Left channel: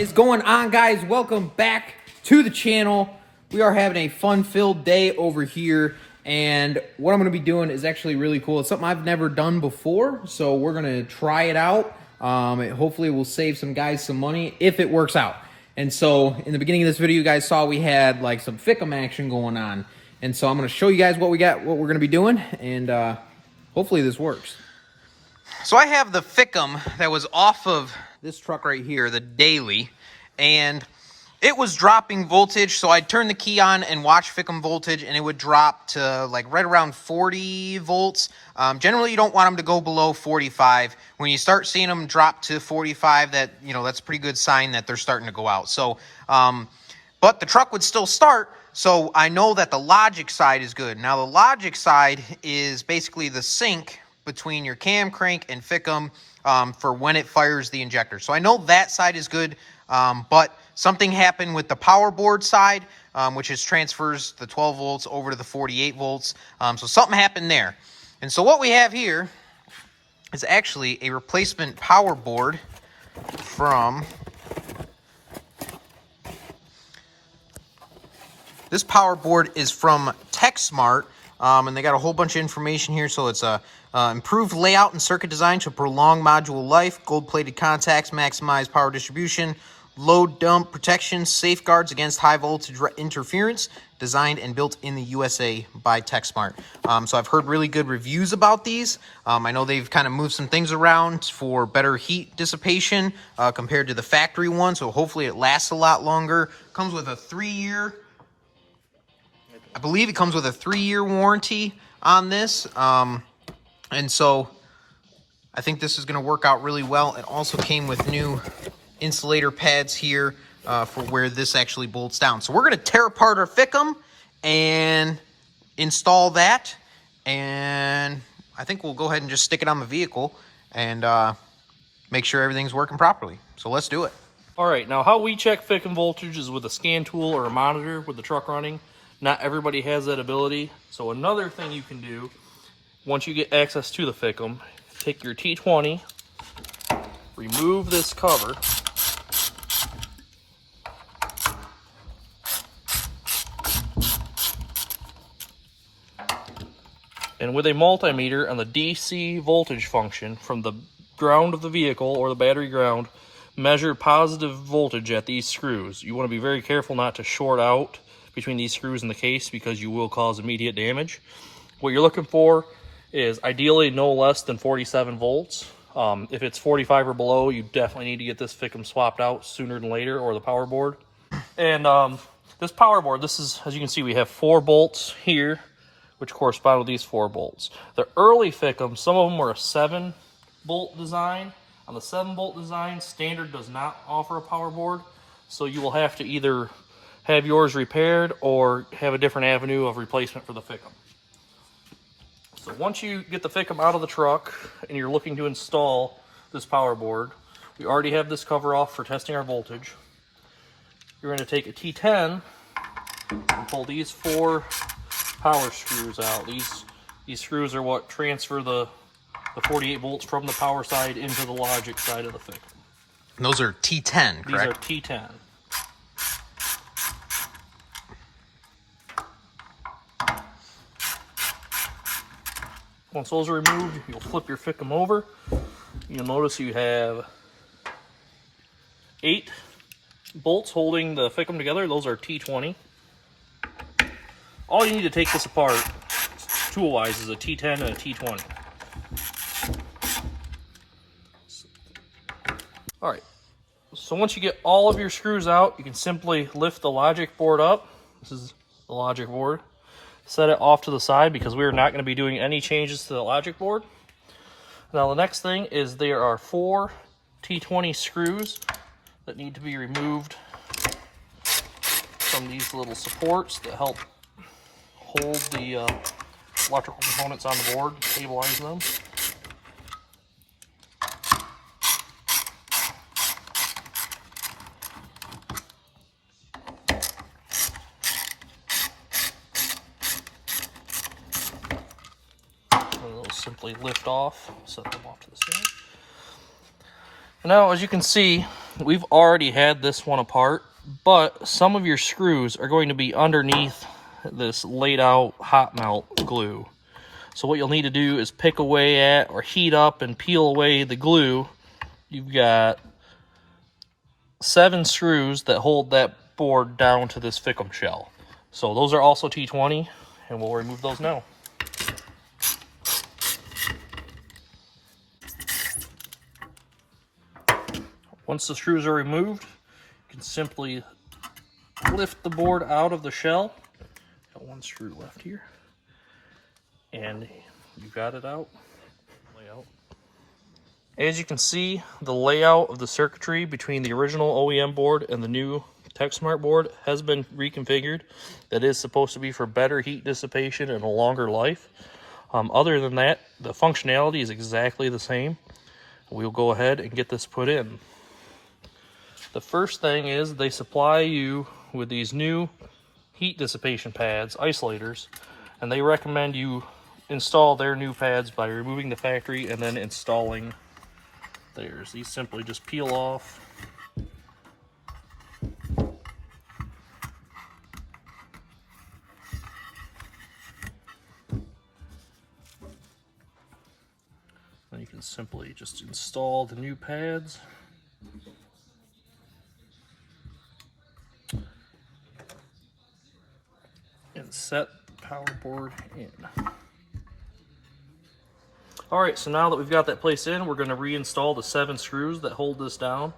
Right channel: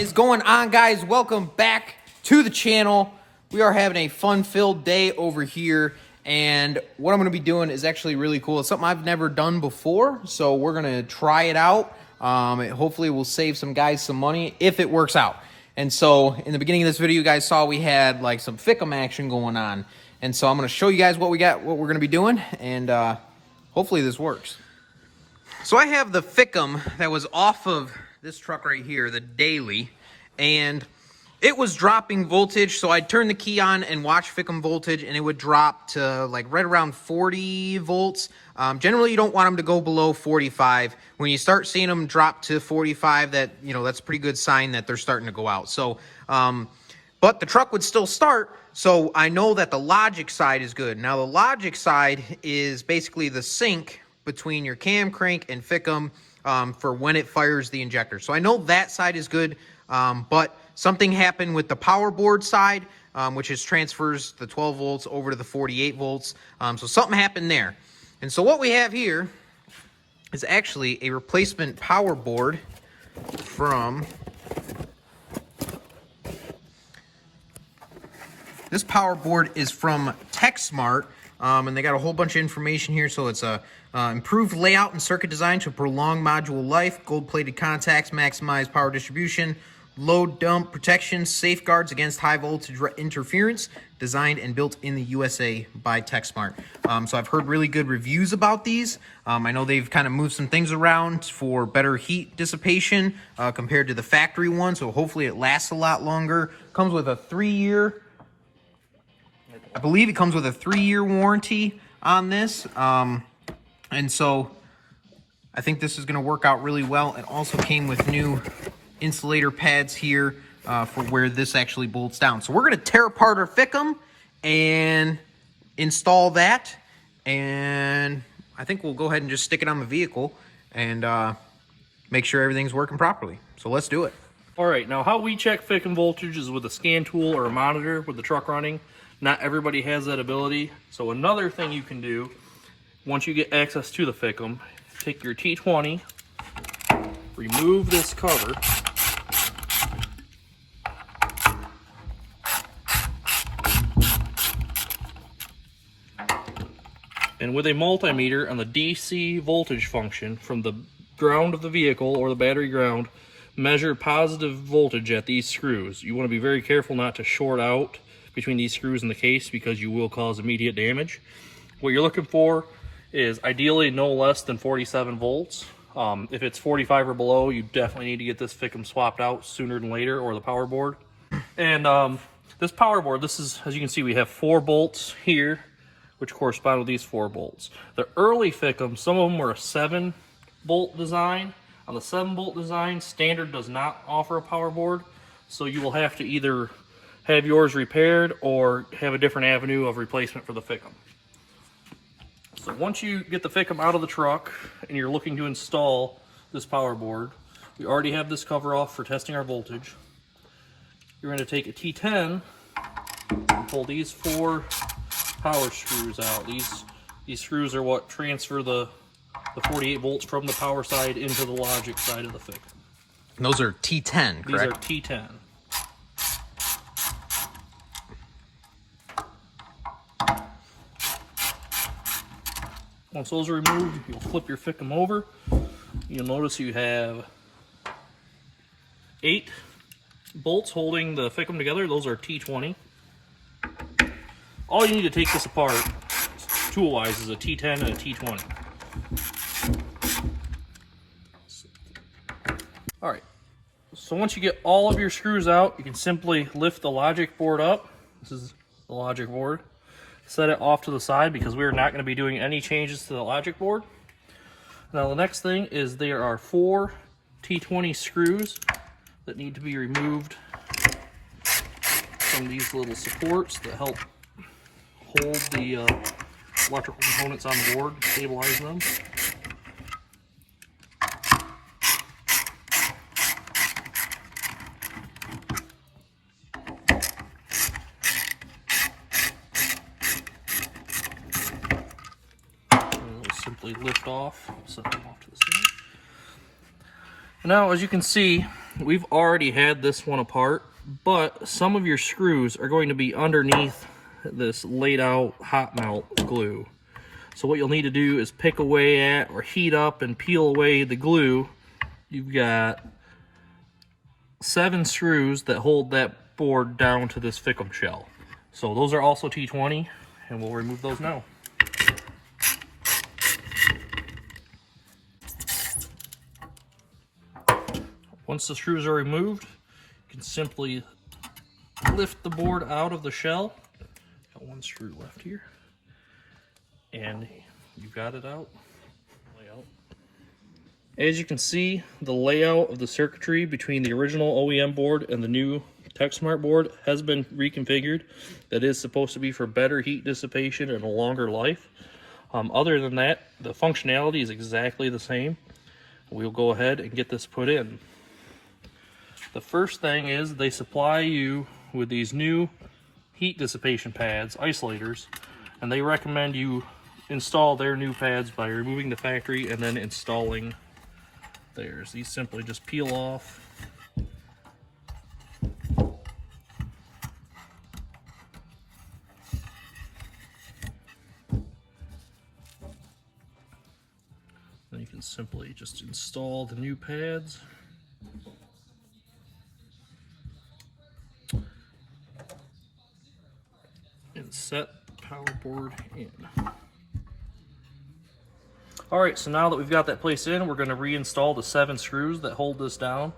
is going on, guys? Welcome back to the channel. We are having a fun-filled day over here, and what I'm going to be doing is actually really cool. It's something I've never done before, so we're going to try it out. Hopefully will save some guys some money if it works out. And so in the beginning of this video, you guys saw we had like some Ficm action going on, and so I'm going to show you guys what we got, what we're going to be doing, and hopefully this works. So I have the Ficm that was off of this truck right here, the daily, and it was dropping voltage, so I'd turn the key on and watch Ficm voltage, and it would drop to like right around 40 volts. Generally, you don't want them to go below 45. When you start seeing them drop to 45, that's a pretty good sign that they're starting to go out. So, but the truck would still start, so I know that the logic side is good. Now, the logic side is basically the sync between your cam crank and Ficm for when it fires the injector. So I know that side is good, but something happened with the power board side, which is transfers the 12 volts over to the 48 volts. So something happened there. And so what we have here is actually a replacement power board from... This power board is from TechSmart, and they got a whole bunch of information here. So it's a improved layout and circuit design to prolong module life, gold-plated contacts, maximize power distribution, load dump protection, safeguards against high voltage interference, designed and built in the USA by TechSmart. So I've heard really good reviews about these. I know they've kind of moved some things around for better heat dissipation compared to the factory one, so hopefully it lasts a lot longer. Comes with a 3-year, I believe it comes with a 3-year warranty on this. And so I think this is going to work out really well. It also came with new insulator pads here for where this actually bolts down. So we're going to tear apart our Ficm and install that. And I think we'll go ahead and just stick it on the vehicle and make sure everything's working properly. So let's do it. All right, now how we check Ficm voltage is with a scan tool or a monitor with the truck running. Not everybody has that ability. So another thing you can do, once you get access to the Ficm, take your T20, remove this cover, and with a multimeter on the DC voltage function from the ground of the vehicle or the battery ground, measure positive voltage at these screws. You want to be very careful not to short out between these screws in the case because you will cause immediate damage. What you're looking for is ideally no less than 47 volts. If it's 45 or below, you definitely need to get this Ficm swapped out sooner than later, or the power board. And this power board, this is, as you can see, we have 4 bolts here, which correspond with these 4 bolts. The early Ficm, some of them were a 7-bolt design. On the 7-bolt design, standard does not offer a power board, so you will have to either have yours repaired or have a different avenue of replacement for the Ficm. So once you get the Ficm out of the truck and you're looking to install this power board, we already have this cover off for testing our voltage. You're going to take a T10 and pull these 4 power screws out. These screws are what transfer the 48 volts from the power side into the logic side of the Ficm. And those are T10, correct? These are T10. Once those are removed, you'll flip your Ficm over. You'll notice you have 8 bolts holding the Ficm together. Those are T20. All you need to take this apart, tool-wise, is a T10 and a T20. All right, so once you get all of your screws out, you can simply lift the logic board up. This is the logic board. Set it off to the side because we are not going to be doing any changes to the logic board. Now the next thing is there are 4 T20 screws that need to be removed from these little supports that help hold the electrical components on the board, stabilizing them. Simply lift off, set them off to the side. Now, as you can see, we've already had this one apart, but some of your screws are going to be underneath this laid out hot melt glue. So what you'll need to do is pick away at or heat up and peel away the glue. You've got 7 screws that hold that board down to this Ficm shell. So those are also T20, and we'll remove those now. Once the screws are removed, you can simply lift the board out of the shell. Got 1 screw left here, and you got it out. As you can see, the layout of the circuitry between the original OEM board and the new TechSmart board has been reconfigured. That is supposed to be for better heat dissipation and a longer life. Other than that, the functionality is exactly the same. We'll go ahead and get this put in. The first thing is they supply you with these new heat dissipation pads, isolators, and they recommend you install their new pads by removing the factory and then installing theirs. These simply just peel off. And you can simply just install the new pads. And set the power board in. Alright, so now that we've got that placed in, we're going to reinstall the 7 screws that hold this down.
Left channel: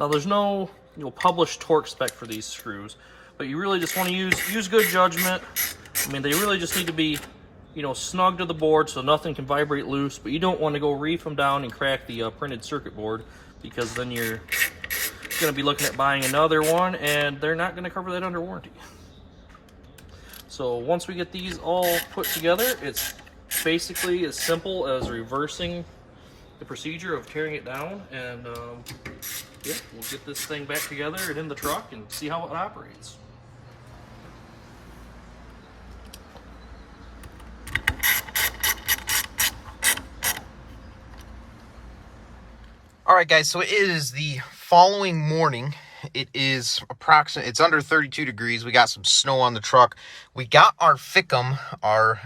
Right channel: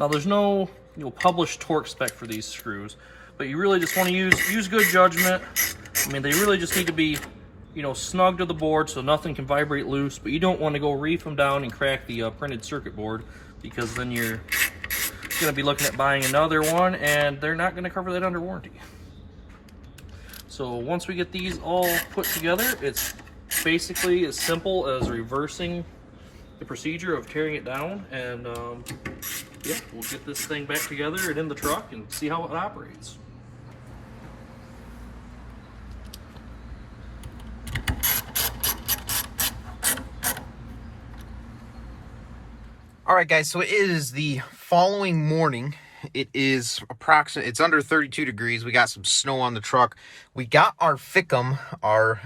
Now there's no published torque spec for these screws, but you really just want to use good judgment. I mean, they really just need to be snug to the board so nothing can vibrate loose, but you don't want to go reef them down and crack the printed circuit board, because then you're going to be looking at buying another one and they're not going to cover that under warranty. So once we get these all put together, it's basically as simple as reversing the procedure of tearing it down, and yeah, we'll get this thing back together and in the truck and see how it operates. All right, guys, so it is the following morning. It is it's under 32 degrees. We got some snow on the truck. We got our Ficm, our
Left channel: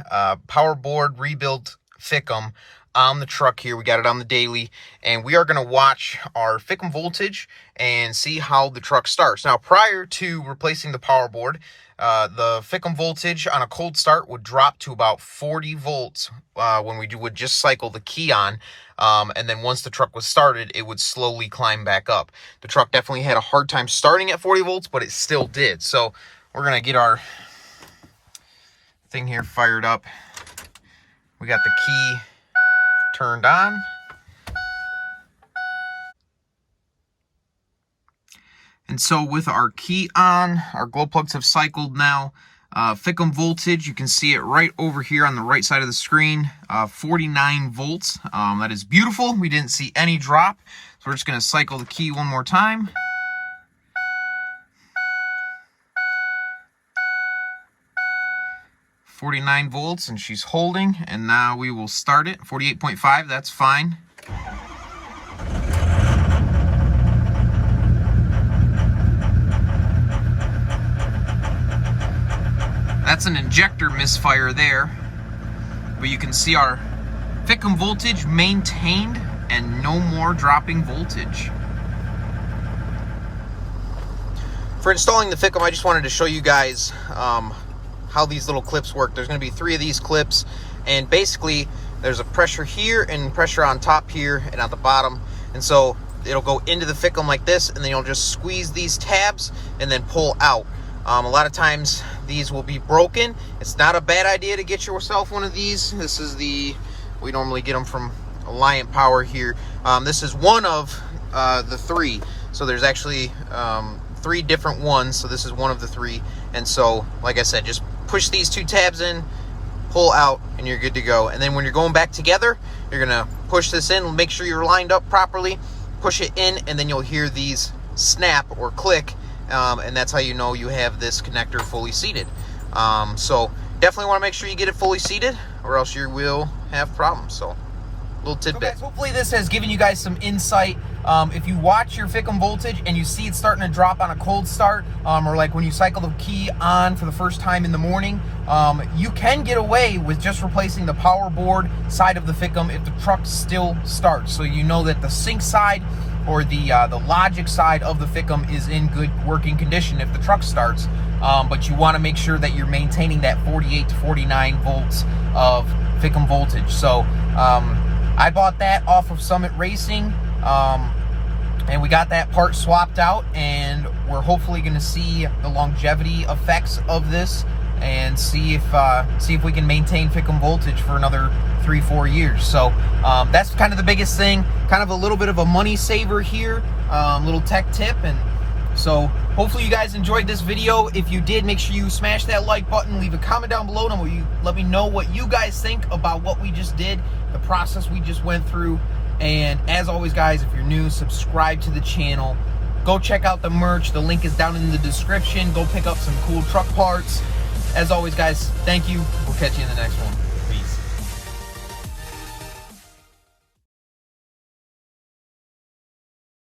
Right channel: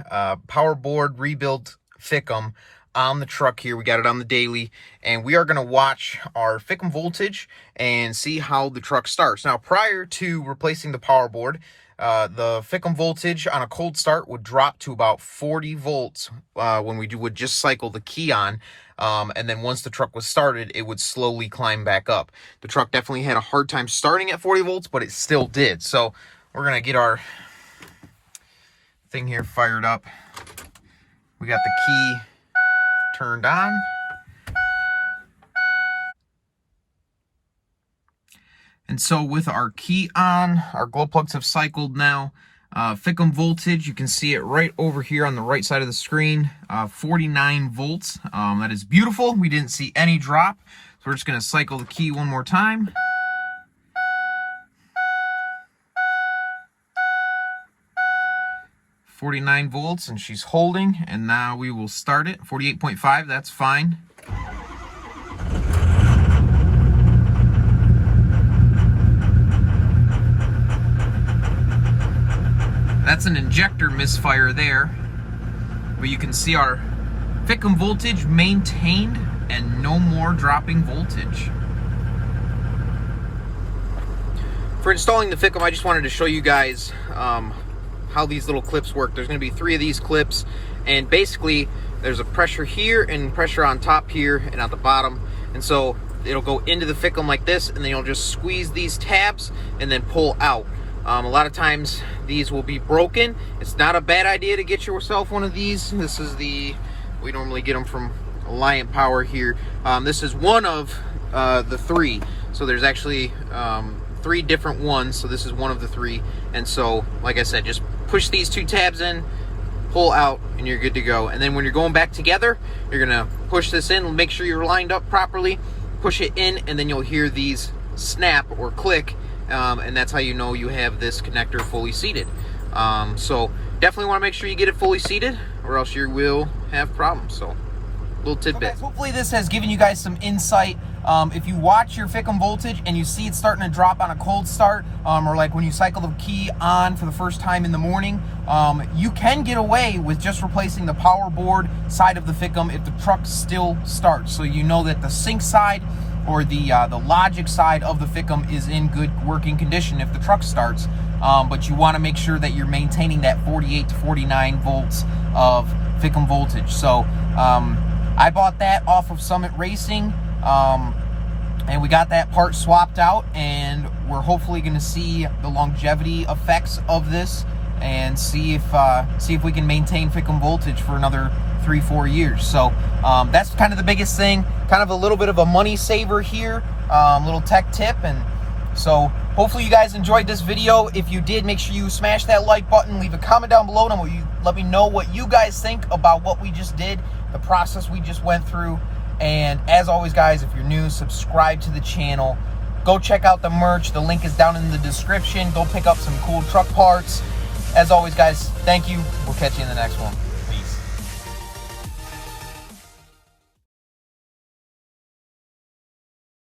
power board rebuilt Ficm on the truck here. We got it on the daily, and we are going to watch our Ficm voltage and see how the truck starts. Now, prior to replacing the power board, the Ficm voltage on a cold start would drop to about 40 volts when we would just cycle the key on. And then once the truck was started, it would slowly climb back up. The truck definitely had a hard time starting at 40 volts, but it still did. So we're going to get our thing here fired up. We got the key turned on. And so with our key on, our glow plugs have cycled now. Ficm voltage, you can see it right over here on the right side of the screen, 49 volts. That is beautiful. We didn't see any drop. So we're just going to cycle the key one more time. .49 volts, and she's holding. And now we will start it. 48.5, that's fine. That's an injector misfire there, but you can see our Ficm voltage maintained and no more dropping voltage. For installing the Ficm, I just wanted to show you guys how these little clips work. There's going to be 3 of these clips, and basically there's a pressure here and pressure on top here and at the bottom, and so it'll go into the Ficm like this, and then you'll just squeeze these tabs and then pull out. A lot of times these will be broken. It's not a bad idea to get yourself one of these. This is we normally get them from Alliant Power here. This is one of the 3. So there's actually 3 different ones. So this is one of the 3. And so, like I said, just push these 2 tabs in, pull out, and you're good to go. And then when you're going back together, you're gonna push this in, make sure you're lined up properly, push it in, and then you'll hear these snap or click. And that's how you know you have this connector fully seated. So definitely want to make sure you get it fully seated, or else you will have problems. So little tidbit. So guys, hopefully this has given you guys some insight If you watch your Ficm voltage and you see it starting to drop on a cold start, or like when you cycle the key on for the first time in the morning, you can get away with just replacing the power board side of the Ficm if the truck still starts. So you know that the sync side or the logic side of the Ficm is in good working condition if the truck starts. But you want to make sure that you're maintaining that 48 to 49 volts of Ficm voltage. So I bought that off of Summit Racing, and we got that part swapped out, and we're hopefully going to see the longevity effects of this and see if we can maintain Ficm voltage for another 3-4 years. So that's kind of the biggest thing, kind of a little bit of a money saver here, little tech tip. And so hopefully you guys enjoyed this video. If you did, make sure you smash that like button, leave a comment down below, and let me know what you guys think about what we just did, the process we just went through. And as always, guys, if you're new, subscribe to the channel. Go check out the merch. The link is down in the description. Go pick up some cool truck parts. As always, guys, thank you. We'll catch you in the next one.